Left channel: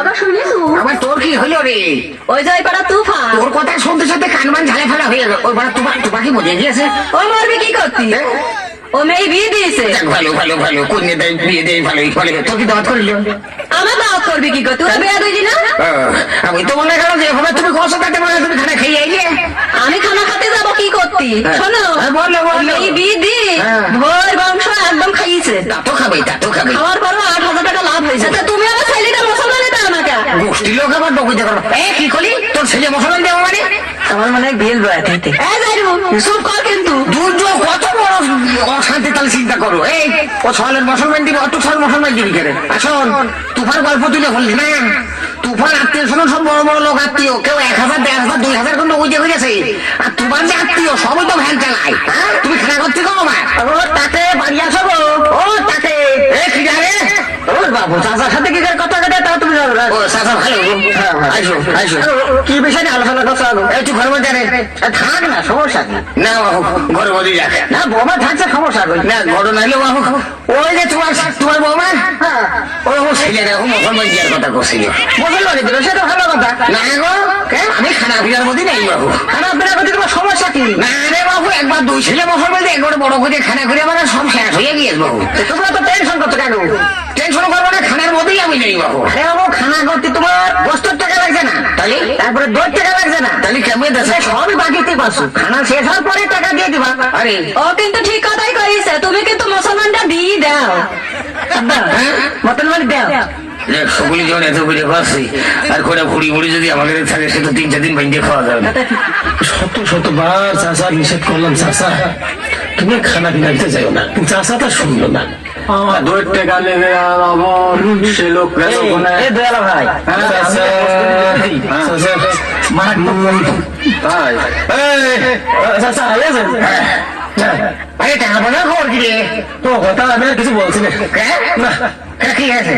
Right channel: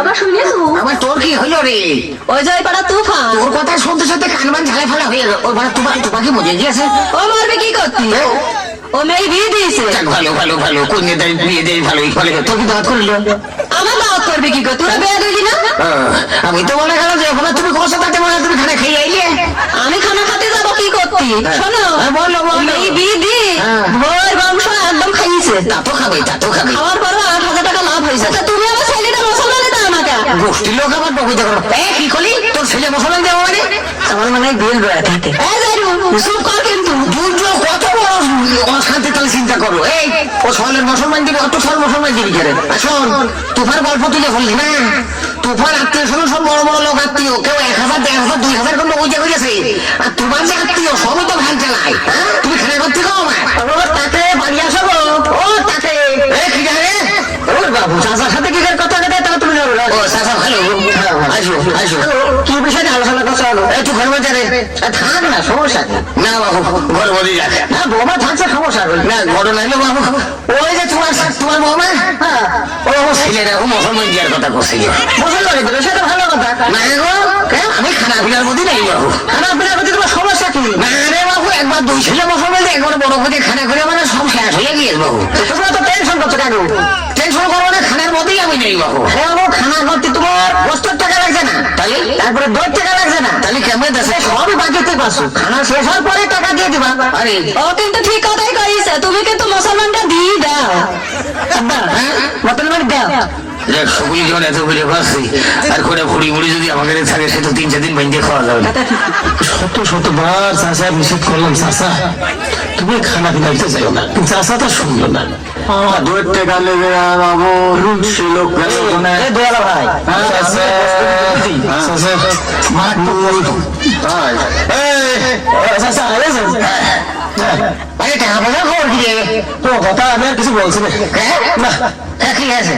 আবার শুনেছো আবার তোর কি হলো রে? ওই যে পাড়া তুফান তোর কথা শুনতে শুনতে কানবান ঝালে ফেলা হয়ে গেল। ওই পাড়া তুফা কি মজে গিয়েছে? ও মারবে কি করতি? ও মেয়ে বিয়ে দিয়েছে। ভালো ভালো ভালো, কন্যা দেয় বিয়ে দেয় ভালোই ফলে। তোর কি দাওয়াত করিল? আমার দাওয়াত করবে কি করতি? তোর বিয়ে দিলি না? আমি তো মনে গেল যে এভাবে তুমি কষ্ট থাকতে মনে তুমি খানা খেয়ে আইলে। আমি খানা খেতে যাবো কি করতি? শোনো বললো এই বিয়ে দি ভোর বংশ একদম খাইয়েছে। তা তো খাবে, তা তো খাবে। খাওয়ার পরও 8,000 টাকা লাভ হয়েছে। তুমি আমার ছেলেটা মুসলমানে দাও আমাকে। গোষ্ঠীর লোক আবার বকিতে পারবো। কি করলি? তোর ছেলে মুসলমান দেবো মানে? আমার মনে হয় বিল বয়া থাকতে। এই যাইরু চুপ কর কিন্তু। দুর্যোগ কত বড় অশান্তি তাহলে চিন্তা করলো। এই ও সলের মুসলমান দিবি, অত সল মুসলমান দিবি কেন? আসল তুফার গল্প তুলে ফেললি না? তুফার আত্মীয় শোনো সব বড় বড় লোক আত্মীয়, কেউ 1,000, 1,500, 2,000 করে বুঝে বুঝেছে। আর তোমার যে আত্মীয় সবই তো ভ্যান চালায়। তুমি খানা করতে গো আমার তাকে বাড়ি আসো গো। ও তাকে কি জানে ওর বাবু চাচার সাথে কি করে কথা কথা তাও তুমি জানো না? ও চাচা ভালো, আসো আসো। কি বিষয়ে আলোচনা করছো? আলো একটু ঘর মধ্যে থাক না, সমস্যা না বাবু, ঘর মধ্যে যাক না। বৌমা থাকছে সমস্যা না, ঘর নাইলো বাবু। ওই যে তোমার বৌমা ও ছেলেরা মুসলমান জিয়ার কথা করছে। মুসলমান সেটা ভালো কথা না গো। আমি খানা পিনার মধ্যে নেই বাবু। খানা পিনার মধ্যে তোমার সমস্যা কি? না রে বাবু, একবার দুই ছেলে মুসলমান একবার বড় করে খানা করে মানে সব শেষ হয়ে গিয়েছে বাবু। তুমি তো টেনশন করছো কেন? টেনশন করবো না, খানার মধ্যেই আমি নেই বাবু। হ্যাঁ বাবু, খানা করতে তোমার 70 টাকা লাগছে না? তাহলে তারপরে 2 টাকা লাগছে না? তাহলে কেমন দেশে সবই বাকিতে পাচ্ছ। খানা শেষ হওয়ার পরে টাকা দিয়ে দিবা। আরে ও কিন্তু ঠিক কথাই কইছে। তুমি কিন্তু মুসলমানটা দিয়ে দাও। মুসলমান দাও। সকলে যেমন এত করে পাচ্ছি, আর করে ভুড়ি মুড়ি যদি আমাদের থাকে সে তো 3-4 দিন বাইন্দে খাওয়া যাবে না। শতবার চাষা নিষেধ করলাম, চাষা তুমি খানা পিনা দিতে চাইও না। চাষা তো শুনলো না। 2 টাকা নেবে বাবু, সে লোক দয়ালা ভাই, আরে টাকা পয়সা খবর কি রে? তো কথা আমি আর কিছু বলছি না। কি আছে?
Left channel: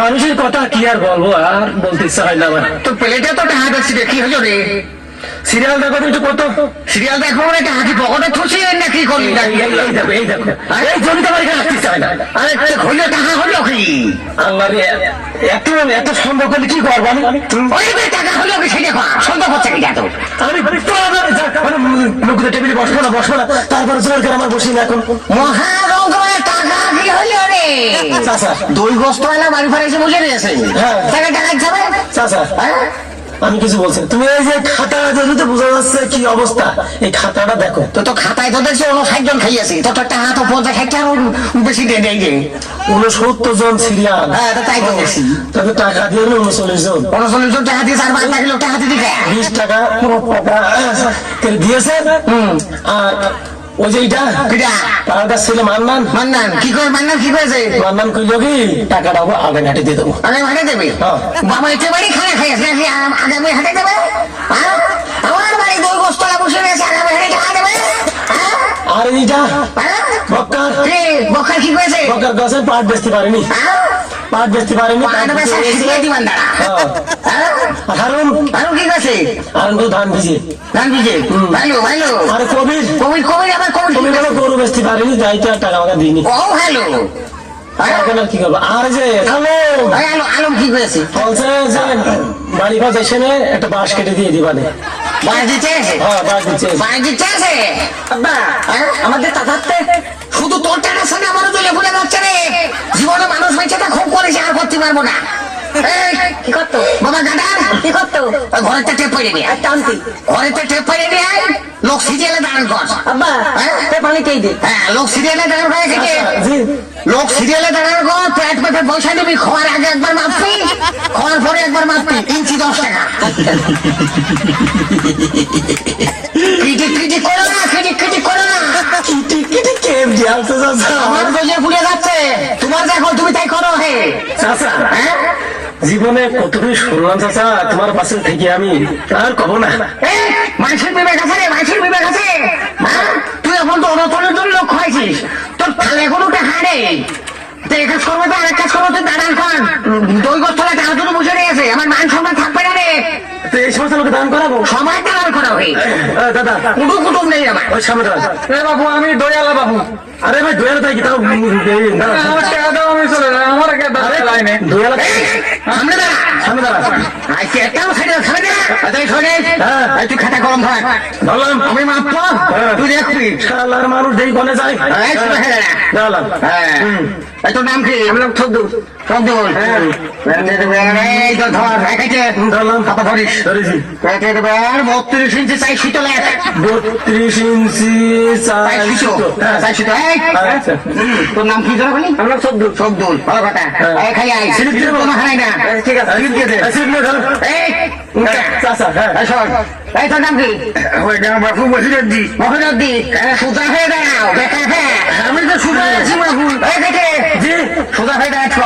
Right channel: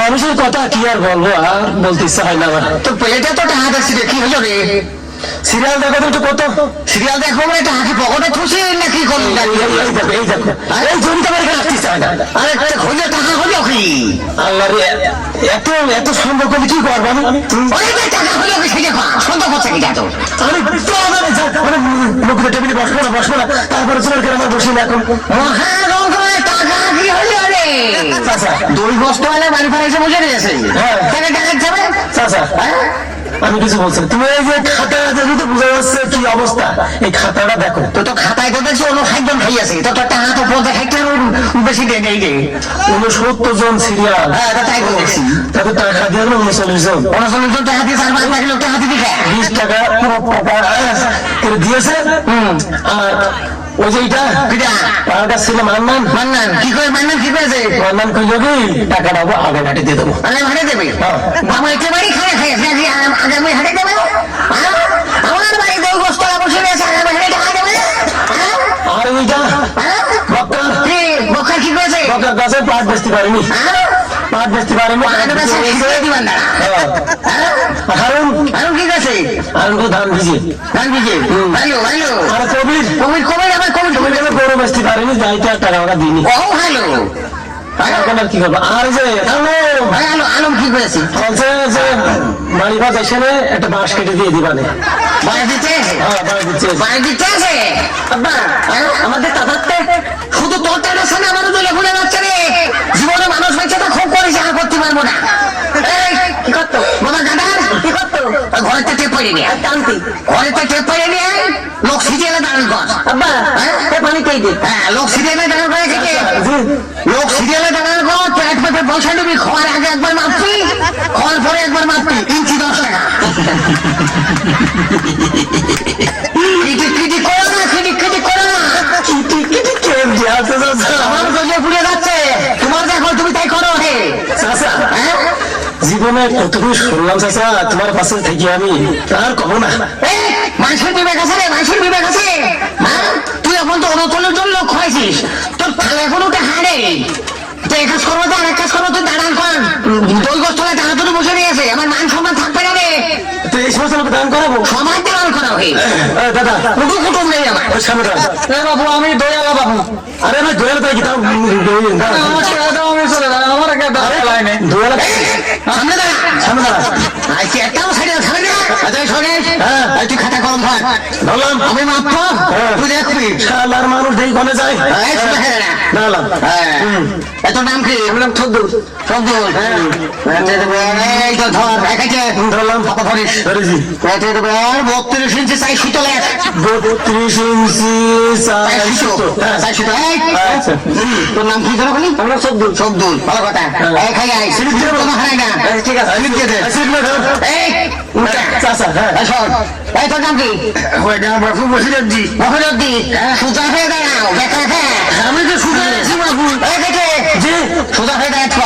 মানুষের কথা কি আর বলবো, আর বলতে ইচ্ছা হয় না আমার। তো পেটে তো টাকা দেখছি রে, কি হলো রে? সিরিয়াল দেখো তো একটু কত। সিরিয়াল দেখবো মানে টাকা কি পকেটে থুসি নাকি করবি? এই জমিতে বাড়ি রাখতে চায় না। আরে হইলে টাকা হলো কি? আল্লাহ রে, এত এত সম্ভব করলে কি করবো আমি? টাকা হলো কি সেটা সন্দেহ হচ্ছে কি? এত লোকের টেবিলে বসবো না, তারপরে জোর করে আমার বসি না। এখন টাকা কি হলো রে? 2 বস্তু এলা বাড়ি ফেরাইছে বুঝে নিয়েছে। টাকা টাকা যাবে চাচা, আমি কিছু বলছি না। তুমি এই যে খাতা দেখি তো বোঝা যাচ্ছে কি অবস্থা। এই খাতাটা দেখো তো খাতায় তো দেখছি 59 জন খাইয়াছে। তো টাকা তো 50 টাকা বেশি দেয় নেই রে। 69 জন সিরিয়াল। হ্যাঁ, তাই তো দেখছি। তাতে টাকা দিয়ে 39 জন। 39 জন টাকা দিয়েছে, আর 22 লোক টাকা দিবি কে? 20 টাকা করে দিয়েছে। আর ওই যে এটা ছিল মান্নান কি করে? মান্নান কি করেছে? মান্নান কইল কি টাকাটা আগে ঘাটে দিয়ে দেবো। আগে হাটে দেবে? বাবা একেবারেই খানা খাইয়াছে নাকি আগামী হাটে দেবে? আমার বাড়ি 2 বস্তু বসে রয়েছে, আগামী হাটে টাকা দেবে? আর এইটা বক্কা কি করেছে? বকার গাছে পাট বেচতে পারিনি। পাট বেচতে পারিনি। হারুন কি করেছে? হারুন ধান ভিজে ভালো ভালো। আর কবির আবার কবির গরু বেচতে পারিনি, যাইতে আর টাকা ওরা দিইনি। ও ভালো। এখন আর কি করবো? আর যে আলম কি করেছে? বলছে যে বাড়ি ভাজ এসে একটা বাঁশ কেটে দিয়ে দিবানে। বাড়ি দিতে? বাড়ি দিতে আছে? আমাদের দাদাতে শুধু তোর টাকার সঙ্গে আমাদের তো লেখুন হচ্ছে রে। জীবনে মানুষ হয়েছে তো খুব করেছে, আর করতে পারবো না। কি করতো বাবা? দাদার কি করতো? ঘরেতে টেপ পড়ে নিয়ে টানতি, ঘরেতে টেপ পড়ে নিয়ে লোক সিরিয়ালে দাঁড়ান কর। পানি খেয়ে দিই। হ্যাঁ, লোক সিরিয়ালে দাঁড়ান করে খেতে। লোক সিরিয়ালে দাঁড়ান কর, পেট পেটে পয়সা নিবি। খাওয়ার আগে একবার মাপবি, খাওয়ার পরে একবার মাপবি। ইঞ্চি 10 টাকা। আমার গজে ফুলে যাচ্ছে, তোমার দেখো তুমি তাই করো। হে জীবনে কতটুকু শুনলাম চাচা তোমার পাশে থেকে, আমি আর কব না। মানুষের বিবেক আছে রে, মানুষের বিবেক আছে। তুই এখন তো অনতনের জন্য লোক খাইছিস, তোর থালে কোনো টাকা নেই। তো এক কাজ করবো, তো আরেক কাজ করবো, তুই দাঁড়ান কর। 2 বছর টাকা তো বসে নিয়েছে, আমার মান সম্মান থাকবে না রে। তো এই সমস্ত লোক দান করাবো? সবাই দান করা হয়ে দাদা, কোনো কুটুম নেই আমার। ওই সামনে বাবু, আমি দয়ালা বাবু। আরে ভাই দয়াল তাই কি তাও আমি চলে যাই, আমার দয়াল সামনে দাঁড়া। সামনে দাঁড়া। আজকে একটাও সাইডে থামে না। আচ্ছা শোনে, হ্যাঁ। এই তুই খাতা কলম ধর। ধরলাম। আমি মাপবো, হ্যাঁ। তুই দেখবি। শালার মানুষ দেই কোনে যায়। এই শুনে ফেলে না। দাঁড়ালাম। হ্যাঁ। এই তোর নাম কি? আমার নাম থদ্দুর। থদ্দুর। হ্যাঁ। এই তো ধর, একাইছে। ধরলাম। হাতে ধরিস। ধরেছি। পেটে দেবে, 32 ইঞ্চি চাই সুতো লেখ। 32 ইঞ্চি চাই চাই সুতো। সুতো। হ্যাঁ। চাই সুতো। এই, আচ্ছা। তোর নাম কি যেন বলি? আমরা সবদুল। শব্দুল, ভালো কথা। হ্যাঁ। এই খাই আয়, স্লিপ দিয়ে তোমার হারাই না। ঠিক আছে। স্লিপ দিয়ে দে। স্লিপ দিয়ে ধর। এই, উল্টা। চাচা, হ্যাঁ। এই শোন, এই তোর নাম কি? বাপু মহিনুদ্দি। মহিনুদ্দি, সোজা হয়ে দাঁড়াও, দেখা হ্যাঁ। আমি তো সোজা আছি বাপু। এই দেখে, জি। সোজা হয়ে দাঁড়াচ্ছ।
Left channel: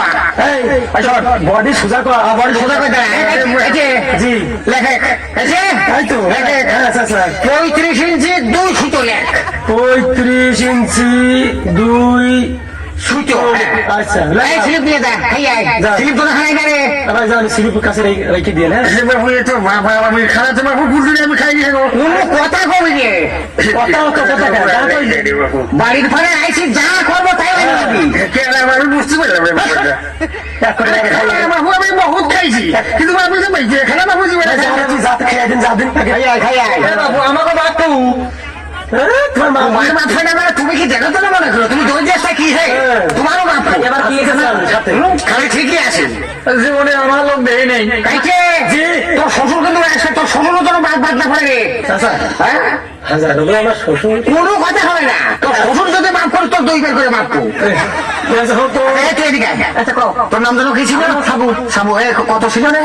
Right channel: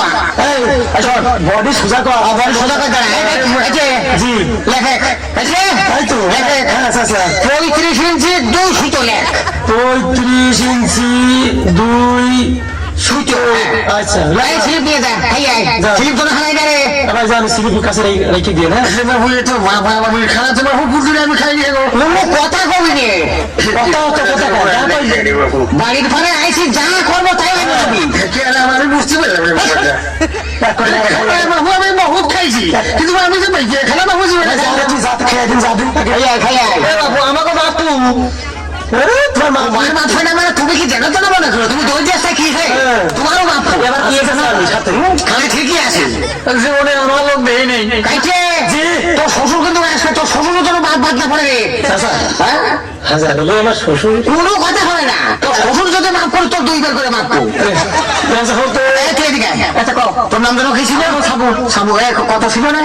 এই, শোন, বডি সোজা কর। বড় সোজা করে দাঁড়া। এই যে, জি। লেখে, এসে, এই তো। লেখে, হ্যাঁ, চাচা। 35 ইঞ্চি 2 সুতো লেখ। 35 ইঞ্চি 2 সুতো। আচ্ছা। এই স্লিপ দিয়ে যা, খাই আয়। যা। স্লিপ কোনো হারাই না রে। আবার জানি স্লিপ কাছে রেখে দিয়ে না। বাবু তো বাবু খারাপ বাবু বুঝলি আমি খাই নিয়ে কথা কবি নে বাড়ির ঘরে আইসি যা করবো তাই আমি বুঝতে পারলাম বাবু আমি বহুত খাইছি কিন্তু আমি যে বেঁচে খেলা বাবু বাবু আমাকে বাপু তোমার মাথায় না মানে তুমি কি জানো তো না মনে করো তুমি দৌড় যাচ্ছ কি হে তোমারও বাপু এবার কি এসেছে আমি সাথে? খালি ঠিকই আছে জীবনে আমার লোক দেই নেই। কাইছে জি। তোর শ্বশুর কিন্তু আসবে তোর শ্বশুর তোর বাদ না পড়ে রে চাচা, হ্যাঁ হাজার হলো আমার শ্বশুর। কোনো কথা হবে না তোর শ্বশুর যদি মাফ করে তোর 2 বার করে মাফ করো হতো। আচ্ছা কও তোর নাম যেন কি ছিল সাবু সাবু কত ছিল রে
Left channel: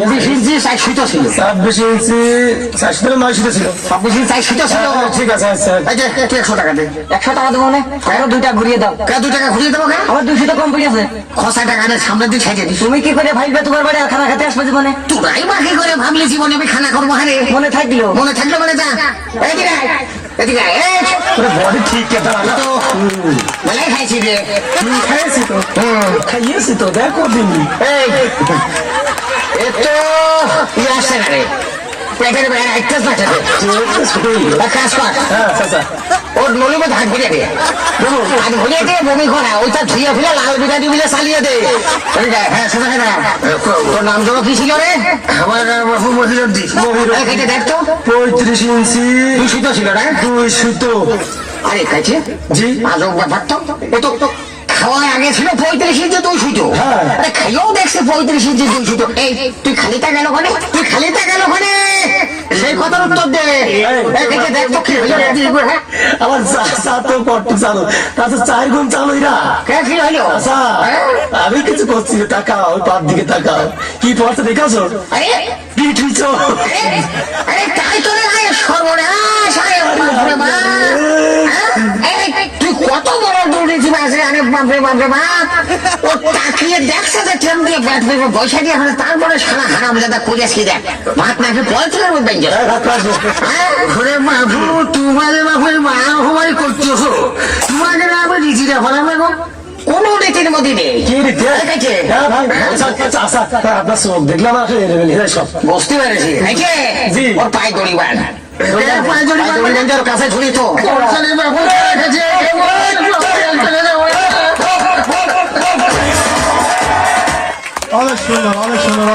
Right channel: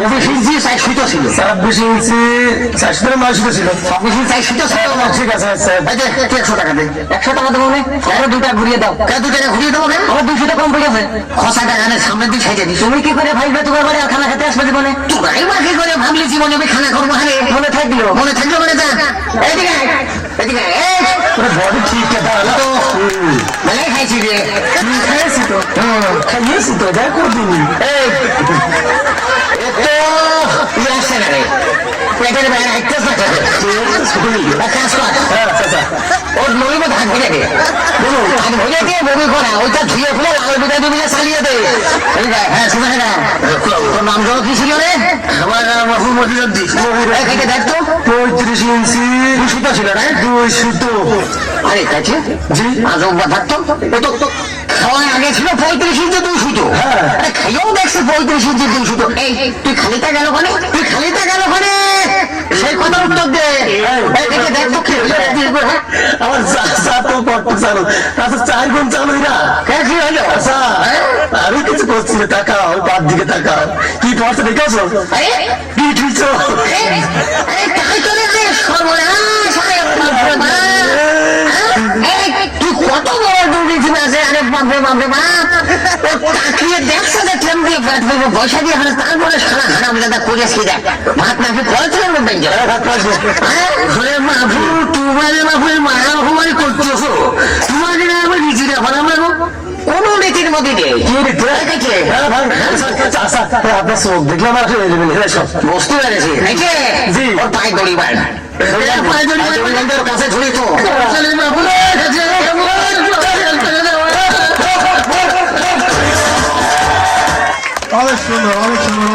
26 ইঞ্চি 4 সুতো ছিল 26 ইঞ্চি 900 ছিল। 26 ইঞ্চি 4 সুতো ছিল ঠিক আছে আচ্ছা। এই যে তুই 100 টাকা দে 100 টাকা দেবো না আরো 2টা ঘুরিয়ে দাও কে 2 টাকা ঘুরিয়ে দেবো কেন আমার 200 টাকা কম পড়ে গেছে খসা টাকা না সামনে দিয়ে ছেড়ে দিস তুমি কি করে ভাইবে তোমার বাড়ি আর খানা খেতে আসবে জীবনে তোরাই বাকি করে ভাবলি জীবনে আমি খানা করবো হারে মনে থাকলো মনে থাকলে বলে যা এইদিকে আয়, এদিকে আয়, এই বডি ঠিক আছে দাঁড়ালো। তো মেলাই খাইছি রে খাইছি তো। খাইয়েছি তো, দেখ করদিন। এই এতো ইয়ে আসছে না রে পেটের বাইরে একটা পেটে কাজ কর হ্যাঁ চাচা। ওর নলির মধ্যে হাত ভরে দে হাত ভরে দে বমি করা ওইটা ধুয়ে ফুলে লাল বিটা দিলে চালিয়ে দে হ্যাঁ শোনা না তোর নাম জন্য কি ছিল রে আমার বাবু মহিনুদ্দি দেখ তো 35 ইঞ্চি দূষিত ছিল না 200। আরে খাইছে জি। আজব থাকতো ও তো খাওয়ার আগে ছিল 35 ইঞ্চি 200 হ্যাঁ। আরে খাইও দেখছে 35 ইঞ্চি 200 এই তুই খালিটা গেল কোনে তুই খালিটা গেল কোনে সেই কথার উত্তর দে এদিকে দেখ তো কি হলো আমার চাচা তো পট্ট চালো। চাচা 4 গুণ চালো এরা। কি হলো আচ্ছা, আমি কিছু করছি না। তাকাও, পার দিকে তাকাও। কি পড়ছে দেখেছো? আরে কি ঠিকছো? আরে তাই তো রে সর্বনাশ আরে বাপরে বাপ এই, তুই কত বড় দুর্নীতি আছে আরে বাপরে বাপরে বাপ ও তাকিয়ে দেখছে যে ট্রেন দিয়ে ব্যাট পেয়ে পয়সা দিয়ে হলে তারপরে সারা হারাম দাদা করেছি দেখ ভাত নাকি পড়াচ্ছিলেন বাবু তোমার বাবু মা হওয়াই করতেছো তোমাকে আমার নিজেরা ভালো লাগো কোনো নীতির মধ্যে নেই কি রে? দেখেছে? হ্যাঁ ভাই, আচ্ছা, চাচা, আপনার চোখ দেখলাম আর কি হয়ে সব। বুঝতে পেরেছি দেখে জি। ওর পায়ে দড়ি বাঁধ পায়ে দড়ি বাঁধ কাছে ধরি তো অনেক সুন্দর অনেক সুন্দর